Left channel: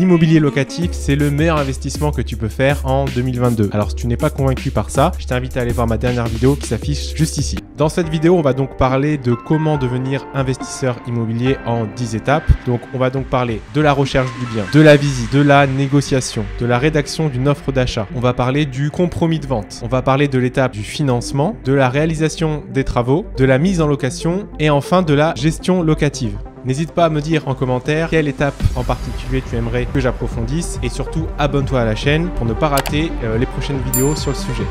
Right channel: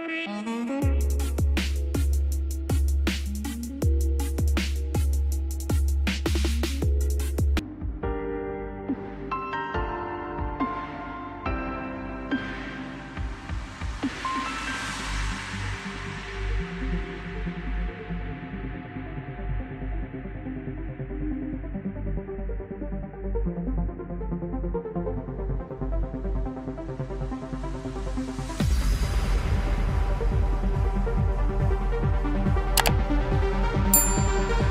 L'immobilier locatif, c'est le meilleur investissement que tu peux faire en 2022. Alors si tu n'es pas convaincu par ça, je t'invite à aller voir ma dernière vidéo qui s'affiche juste ici. Dans cette vidéo, on va donc parler de comment devenir investisseur immobilier en 10 étapes. Donc on va donc parler de la recherche du bien, de la visite, de la négociation, de la rédaction d'une offre d'achat. On va parler du compromis de vente. On va parler de l'étape du financement, de la réalisation des travaux, de la mise en location et enfin de la gestion locative. N'hésite pas à me dire en commentaire quelle étape en particulier tu aimerais que j'approfondisse et surtout abonne-toi à la chaîne pour ne pas rater les prochaines vidéos sur le sujet.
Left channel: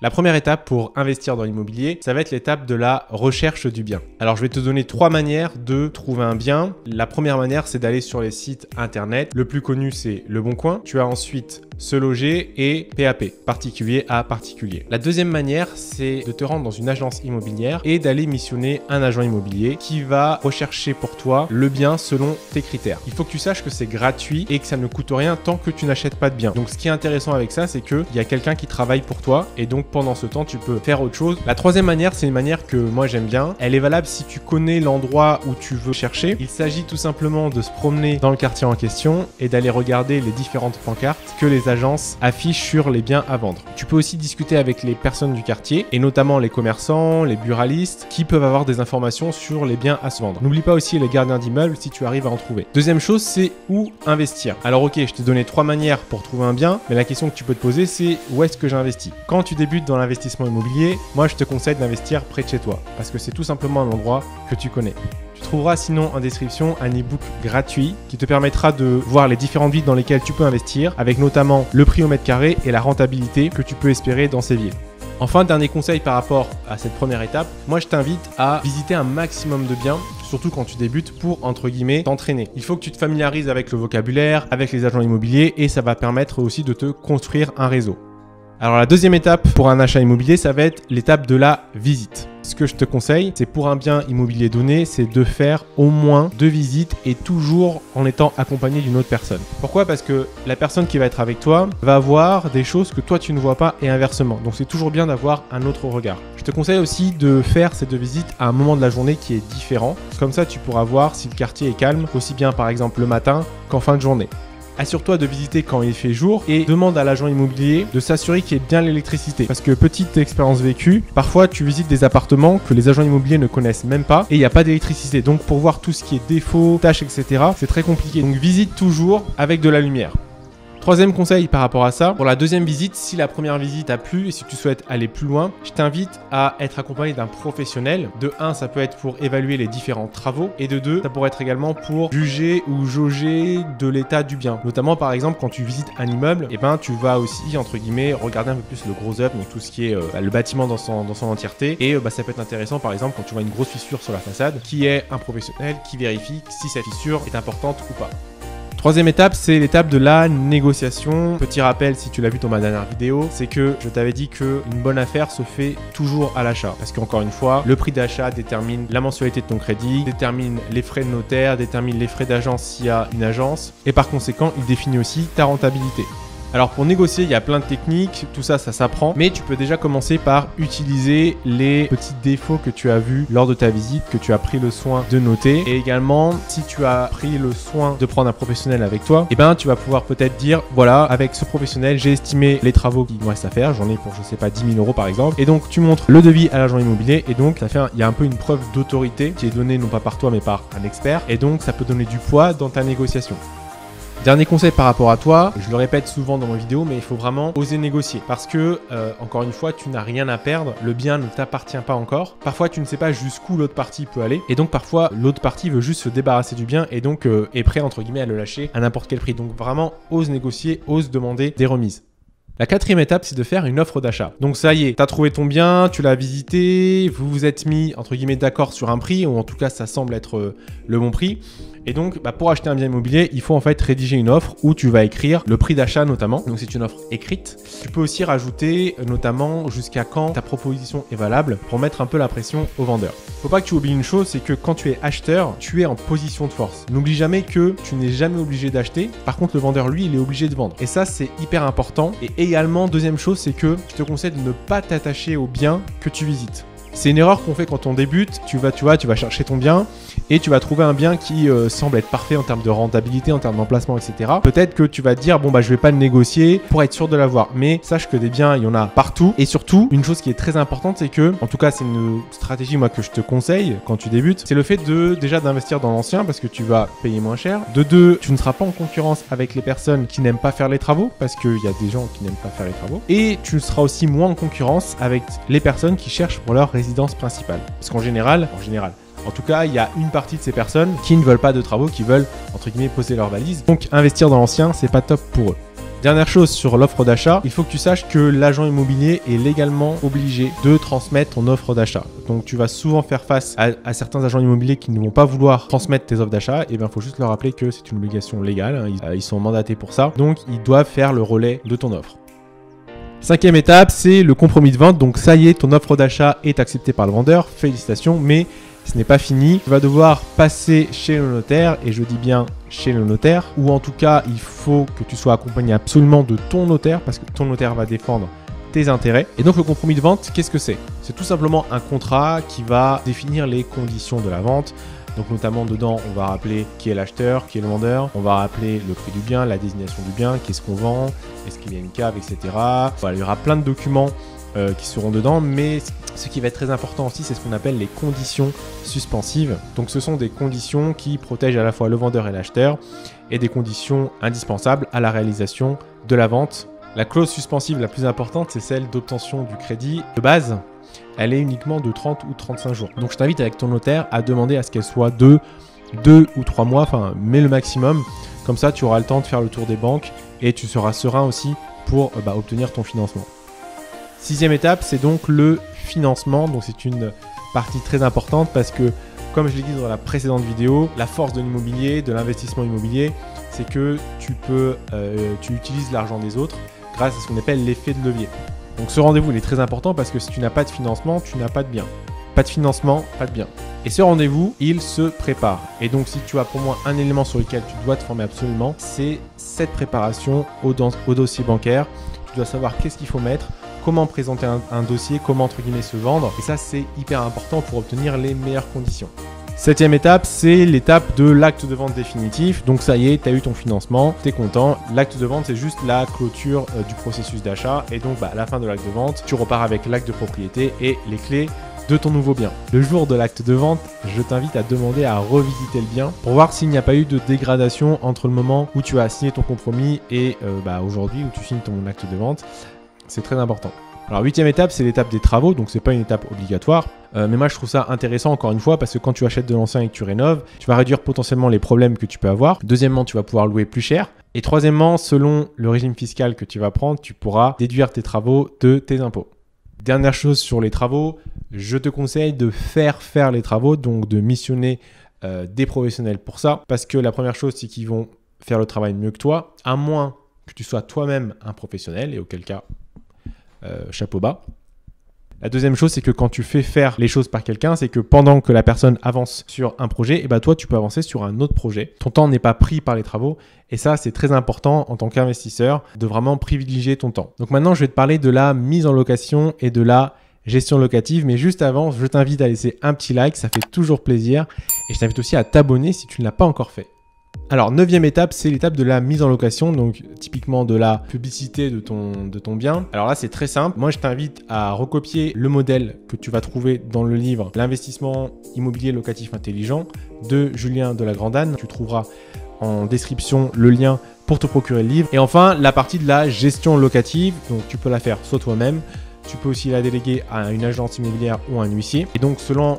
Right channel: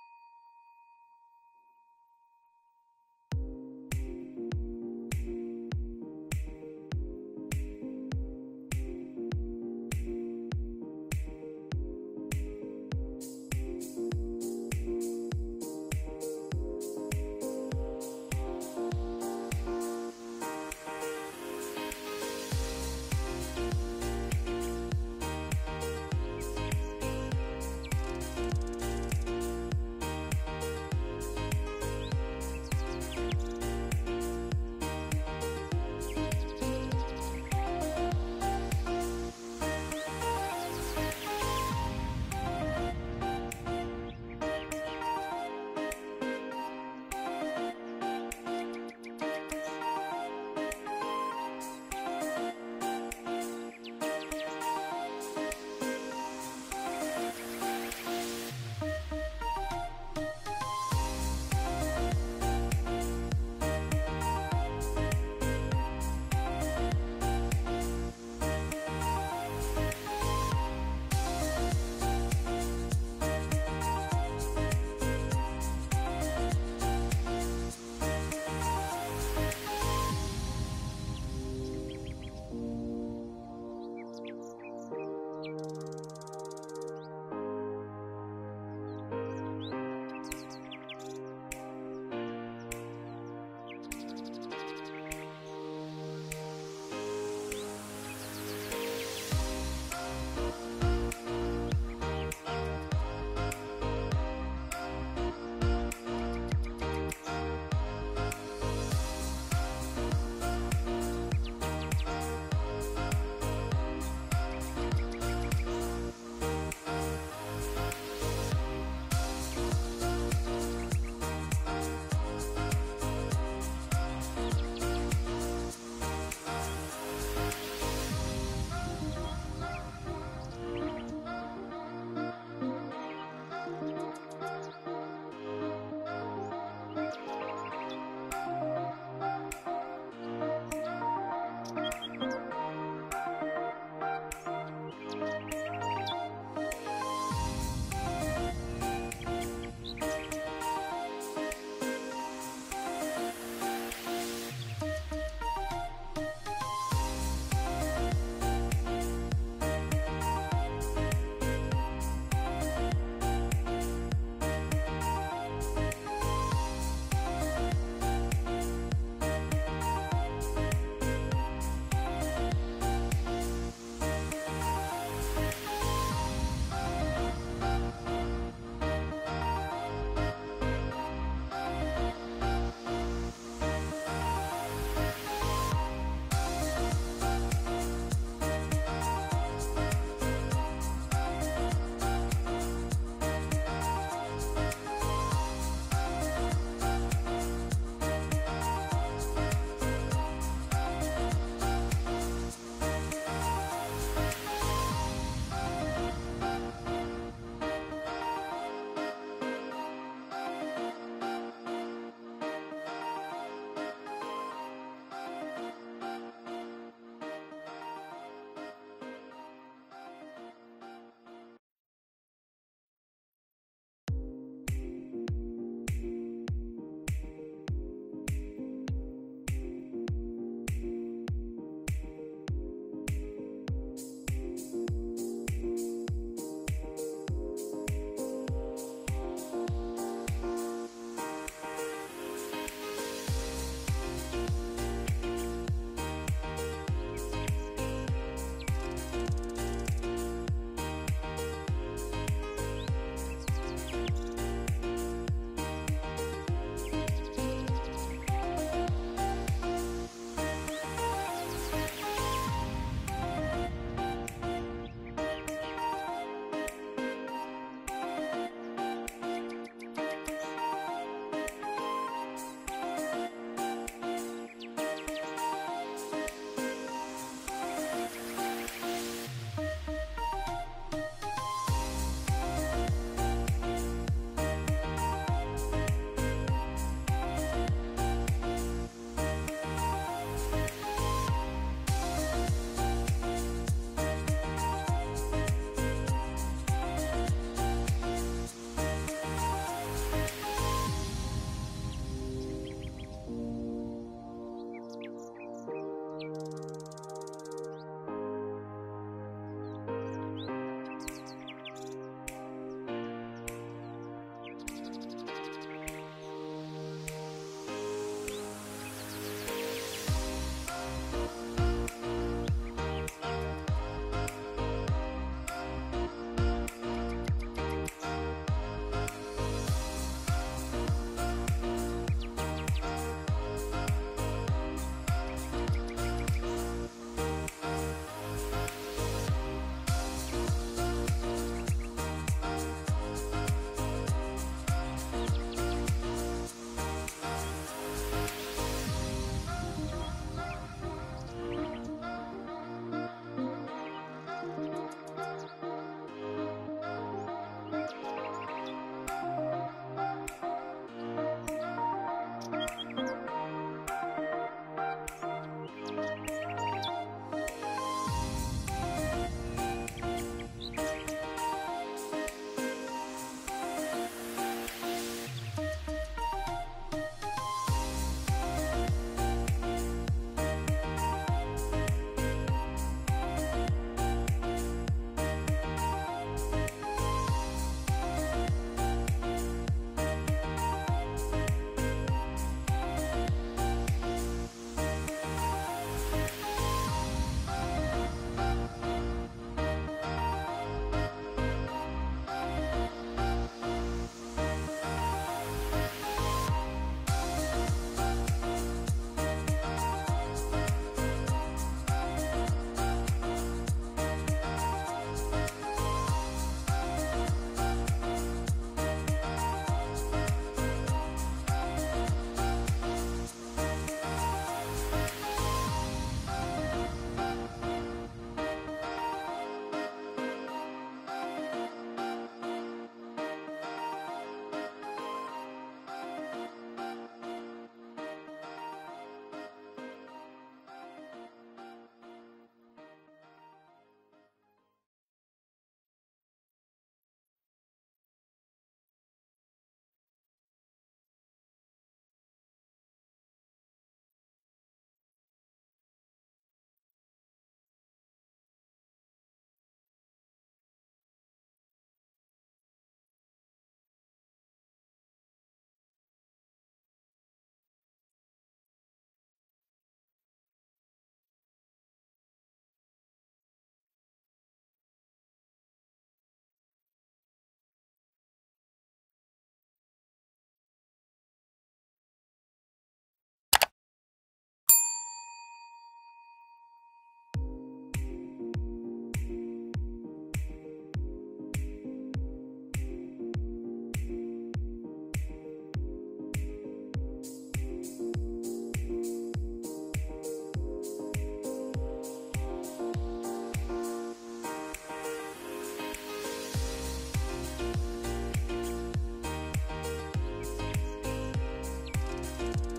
La première étape pour investir dans l'immobilier, ça va être l'étape de la recherche du bien. Alors je vais te donner 3 manières de trouver un bien. La première manière, c'est d'aller sur les sites internet. Le plus connu, c'est Le Bon Coin. Tu as ensuite Se Loger et PAP, particulier à particulier. La deuxième manière, c'est de te rendre dans une agence immobilière et d'aller missionner un agent immobilier qui va rechercher pour toi le bien selon tes critères. Il faut que tu saches que c'est gratuit et que ça ne coûte rien tant que tu n'achètes pas de bien. Donc ce qui est intéressant avec ça, c'est qu'il y a quelqu'un qui travaille pour toi et donc pendant ce temps, tu peux faire autre chose. La troisième manière, c'est une manière que moi j'aime bien. Elle est valable si tu connais l'endroit où tu veux chercher. Il s'agit tout simplement de se promener dans le quartier en question et d'aller regarder les différentes pancartes que les agences affichent sur les biens à vendre. Tu peux aussi discuter avec les personnes du quartier et notamment les commerçants, les buralistes qui peuvent avoir des informations sur les biens à se vendre. N'oublie pas aussi les gardiens d'immeubles si tu arrives à en trouver. Deuxième chose, c'est où investir. Alors ok, je t'ai donné 3 manières pour trouver un bien, mais la question que tu peux te poser, c'est où est-ce que j'investis? Quand tu débutes dans l'investissement immobilier, moi je te conseille d'investir près de chez toi parce que c'est tout simplement un endroit que tu connais. Tu trouveras sinon en description un e-book gratuit qui te permettra de voir les différentes villes dans lesquelles tu peux investir avec notamment le prix au mètre carré et la rentabilité que tu peux espérer dans ces villes. Enfin, dernier conseil par rapport à cette première étape, moi je t'invite à visiter un maximum de biens, surtout quand tu débutes pour, entre guillemets, t'entraîner. Il faut que tu te familiarises avec le vocabulaire, avec les agents immobiliers et ça va permettre aussi de te construire un réseau. Alors la deuxième étape pour un achat immobilier, ça va être l'étape de la visite. Ce que je te conseille, c'est pour un bien immobilier donné, c'est de faire au moins 2 visites et toujours en étant accompagné d'une autre personne. Pourquoi? Parce que la personne qui va être avec toi va voir des choses que toi tu ne vois pas et inversement. Donc c'est toujours bien d'avoir un autre regard. Je te conseille aussi de faire ces 2 visites à un moment de la journée qui est différent. Comme ça, tu pourras voir si le quartier est calme, aussi bien par exemple le matin qu'en fin de journée. Assure-toi de visiter quand il fait jour et demande à l'agent immobilier de s'assurer qu'il y ait bien l'électricité. Parce que petite expérience vécue, parfois tu visites des appartements que les agents immobiliers ne connaissent même pas et il n'y a pas d'électricité. Donc pour voir tout ce qui est défauts, tâches, etc., c'est très compliqué. Donc visite toujours avec de la lumière. Troisième conseil par rapport à ça, pour la deuxième visite, si la première visite a plu et si tu souhaites aller plus loin, je t'invite à être accompagné d'un professionnel. De 1, ça peut être pour évaluer les différents travaux et de 2, ça pourrait être également pour juger ou jauger de l'état du bien. Notamment par exemple quand tu visites un immeuble, tu vas aussi entre guillemets regarder un peu plus le gros œuvre, donc tout ce qui est le bâtiment dans son entièreté et ça peut être intéressant par exemple quand tu vois une grosse fissure sur la façade, qui est un professionnel qui vérifie si cette fissure est importante ou pas. Troisième étape, c'est l'étape de la négociation. Petit rappel, si tu l'as vu dans ma dernière vidéo, c'est que je t'avais dit qu'une bonne affaire se fait toujours à l'achat. Parce qu'encore une fois, le prix d'achat détermine la mensualité de ton crédit, détermine les frais de notaire, détermine les frais d'agence s'il y a une agence. Et par conséquent, il définit aussi ta rentabilité. Alors pour négocier, il y a plein de techniques, tout ça, ça s'apprend, mais tu peux déjà commencer par utiliser les petits défauts que tu as vus lors de ta visite, que tu as pris le soin de noter. Et également, si tu as pris le soin de prendre un professionnel avec toi, tu vas pouvoir peut-être dire, voilà, avec ce professionnel, j'ai estimé les travaux qui me restent à faire, j'en ai pour, je sais pas, 10 000 € par exemple. Et donc tu montres le devis à l'agent immobilier et donc il y a un peu une preuve d'autorité qui est donnée non pas par toi mais par un expert. Et donc ça peut donner du poids dans ta négociation. Dernier conseil par rapport à toi, je le répète souvent dans mes vidéos, mais il faut vraiment oser négocier parce que, encore une fois, tu n'as rien à perdre, le bien ne t'appartient pas encore. Parfois, tu ne sais pas jusqu'où l'autre partie peut aller et donc parfois, l'autre partie veut juste se débarrasser du bien et donc est prêt, entre guillemets, à le lâcher à n'importe quel prix. Donc vraiment, ose négocier, ose demander des remises. La quatrième étape, c'est de faire une offre d'achat. Donc ça y est, tu as trouvé ton bien, tu l'as visité, vous vous êtes mis, entre guillemets, d'accord sur un prix, ou en tout cas, ça semble être le bon prix. Et donc, pour acheter un bien immobilier, il faut en fait rédiger une offre où tu vas écrire le prix d'achat notamment. Donc, c'est une offre écrite. Tu peux aussi rajouter notamment jusqu'à quand ta proposition est valable pour mettre un peu la pression au vendeur. Faut pas que tu oublies une chose, c'est que quand tu es acheteur, tu es en position de force. N'oublie jamais que tu n'es jamais obligé d'acheter. Par contre, le vendeur, lui, il est obligé de vendre. Et ça, c'est hyper important. Et également, deuxième chose, c'est que je te conseille de ne pas t'attacher au bien que tu visites. C'est une erreur qu'on fait quand on débute. Tu vas chercher ton bien et tu vas trouver un bien qui semble être parfait en termes de rentabilité, en termes d'emplacement, etc. Peut-être que tu vas te dire, bon bah je vais pas le négocier pour être sûr de l'avoir. Mais sache que des biens, il y en a partout. Et surtout, une chose qui est très importante, c'est que, en tout cas c'est une stratégie moi que je te conseille quand tu débutes, c'est le fait de déjà d'investir dans l'ancien parce que tu vas payer moins cher. De deux, tu ne seras pas en concurrence avec les personnes qui n'aiment pas faire les travaux parce qu'il y a des gens qui n'aiment pas faire les travaux. Et tu seras aussi moins en concurrence avec les personnes qui cherchent pour leur résidence principale. Parce qu'en général, en tout cas, il y a une partie de ces personnes qui ne veulent pas de travaux, qui veulent, entre guillemets, poser leur valise. Donc, investir dans l'ancien, c'est pas top pour eux. Dernière chose sur l'offre d'achat, il faut que tu saches que l'agent immobilier est légalement obligé de transmettre ton offre d'achat. Donc, tu vas souvent faire face à certains agents immobiliers qui ne vont pas vouloir transmettre tes offres d'achat. Et bien, il faut juste leur rappeler que c'est une obligation légale. Ils sont mandatés pour ça. Donc, ils doivent faire le relais de ton offre. Cinquième étape, c'est le compromis de vente. Donc, ça y est, ton offre d'achat est acceptée par le vendeur. Félicitations, mais ce n'est pas fini. Tu vas devoir passer chez le notaire, et je dis bien chez le notaire, ou en tout cas, il faut que tu sois accompagné absolument de ton notaire parce que ton notaire va défendre tes intérêts. Et donc, le compromis de vente, qu'est-ce que c'est? C'est tout simplement un contrat qui va définir les conditions de la vente. Donc, notamment dedans, on va rappeler qui est l'acheteur, qui est le vendeur. On va rappeler le prix du bien, la désignation du bien, qu'est-ce qu'on vend, est-ce qu'il y a une cave, etc. Voilà, il y aura plein de documents qui seront dedans, mais ce qui va être très important aussi, c'est ce qu'on appelle les conditions suspensives. Donc ce sont des conditions qui protègent à la fois le vendeur et l'acheteur et des conditions indispensables à la réalisation de la vente. La clause suspensive la plus importante, c'est celle d'obtention du crédit de base. Elle est uniquement de 30 ou 35 jours. Donc je t'invite avec ton notaire à demander à ce qu'elle soit de 2 ou 3 mois, enfin mais le maximum. Comme ça, tu auras le temps de faire le tour des banques et tu seras serein aussi pour obtenir ton financement. Sixième étape, c'est donc le financement. Donc c'est une partie très importante parce que, comme je l'ai dit dans la précédente vidéo, la force de l'immobilier, de l'investissement immobilier, c'est que tu utilises l'argent des autres grâce à ce qu'on appelle l'effet de levier. Donc ce rendez-vous il est très important parce que si tu n'as pas de financement, tu n'as pas de bien. Pas de financement, pas de bien. Et ce rendez-vous, il se prépare. Et donc si tu as pour moi un élément sur lequel tu dois te former absolument, c'est cette préparation au dossier bancaire. Tu dois savoir qu'est-ce qu'il faut mettre, comment présenter un dossier, comment entre guillemets se vendre. Et ça, c'est hyper important pour obtenir les meilleures conditions. Septième étape, c'est l'étape de l'acte de vente définitif. Donc ça y est, tu as eu ton financement, tu es content. L'acte de vente, c'est juste la clôture du processus d'achat. Et donc à la fin de l'acte de vente, tu repars avec l'acte de propriété et les clés de ton nouveau bien. Le jour de l'acte de vente, je t'invite à demander à revisiter le bien pour voir s'il n'y a pas eu de dégradation entre le moment où tu as signé ton compromis et aujourd'hui où tu signes ton acte de vente. C'est très important. Alors, huitième étape, c'est l'étape des travaux, donc c'est pas une étape obligatoire. Mais moi, je trouve ça intéressant encore une fois parce que quand tu achètes de l'ancien et que tu rénoves, tu vas réduire potentiellement les problèmes que tu peux avoir. Deuxièmement, tu vas pouvoir louer plus cher. Et troisièmement, selon le régime fiscal que tu vas prendre, tu pourras déduire tes travaux de tes impôts. Dernière chose sur les travaux, je te conseille de faire les travaux, donc de missionner des professionnels pour ça. Parce que la première chose, c'est qu'ils vont faire le travail mieux que toi, à moins que tu sois toi-même un professionnel, et auquel cas, chapeau bas. La deuxième chose, c'est que quand tu fais faire les choses par quelqu'un, c'est que pendant que la personne avance sur un projet, et toi, tu peux avancer sur un autre projet. Ton temps n'est pas pris par les travaux. Et ça, c'est très important en tant qu'investisseur de vraiment privilégier ton temps. Donc maintenant, je vais te parler de la mise en location et de la gestion locative. Mais juste avant, je t'invite à laisser un petit like. Ça fait toujours plaisir. Et je t'invite aussi à t'abonner si tu ne l'as pas encore fait. Alors, neuvième étape, c'est l'étape de la mise en location, donc typiquement de la publicité de ton bien. Alors là, c'est très simple. Moi, je t'invite à recopier le modèle que tu vas trouver dans le livre « L'investissement immobilier locatif intelligent » de Julien de la Grandane. Tu trouveras en description le lien pour te procurer le livre. Et enfin, la partie de la gestion locative, donc tu peux la faire soit toi-même, tu peux aussi la déléguer à une agence immobilière ou à un huissier. Et donc, selon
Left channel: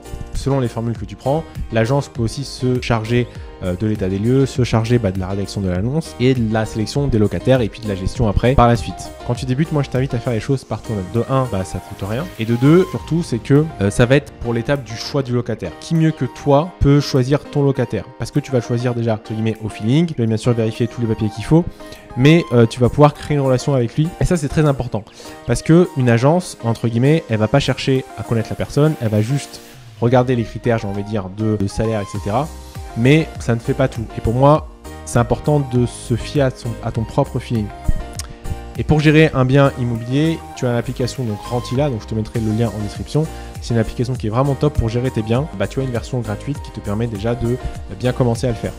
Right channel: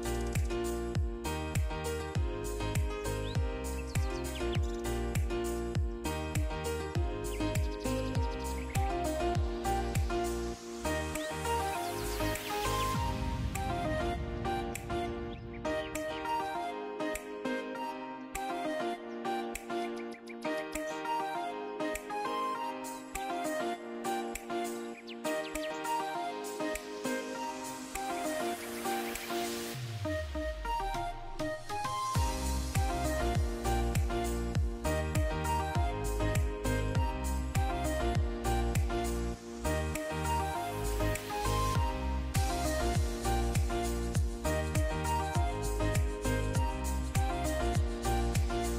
les formules que tu prends, l'agence peut aussi se charger de l'état des lieux, se charger de la rédaction de l'annonce et de la sélection des locataires et puis de la gestion après par la suite. Quand tu débutes, moi je t'invite à faire les choses par toi-même. De 1, ça ne coûte rien. Et de 2, surtout, c'est que ça va être pour l'étape du choix du locataire. Qui mieux que toi peut choisir ton locataire? Parce que tu vas le choisir déjà, entre guillemets, au feeling. Tu vas bien sûr vérifier tous les papiers qu'il faut, mais tu vas pouvoir créer une relation avec lui. Et ça, c'est très important. Parce qu'une agence, entre guillemets, elle va pas chercher à connaître la personne, elle va juste regarder les critères, j'ai envie de dire, de salaire, etc. Mais ça ne fait pas tout. Et pour moi, c'est important de se fier à ton propre feeling. Et pour gérer un bien immobilier, tu as l'application Rentila, donc je te mettrai le lien en description. c'est une application qui est vraiment top pour gérer tes biens. Bah, tu as une version gratuite qui te permet déjà de bien commencer à le faire.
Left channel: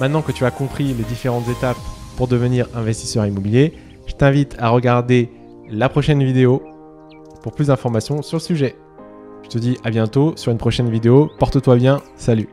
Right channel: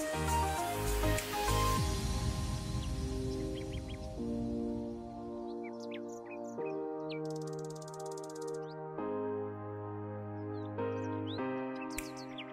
Maintenant que tu as compris les différentes étapes pour devenir investisseur immobilier, je t'invite à regarder la prochaine vidéo pour plus d'informations sur le sujet. Je te dis à bientôt sur une prochaine vidéo. Porte-toi bien. Salut.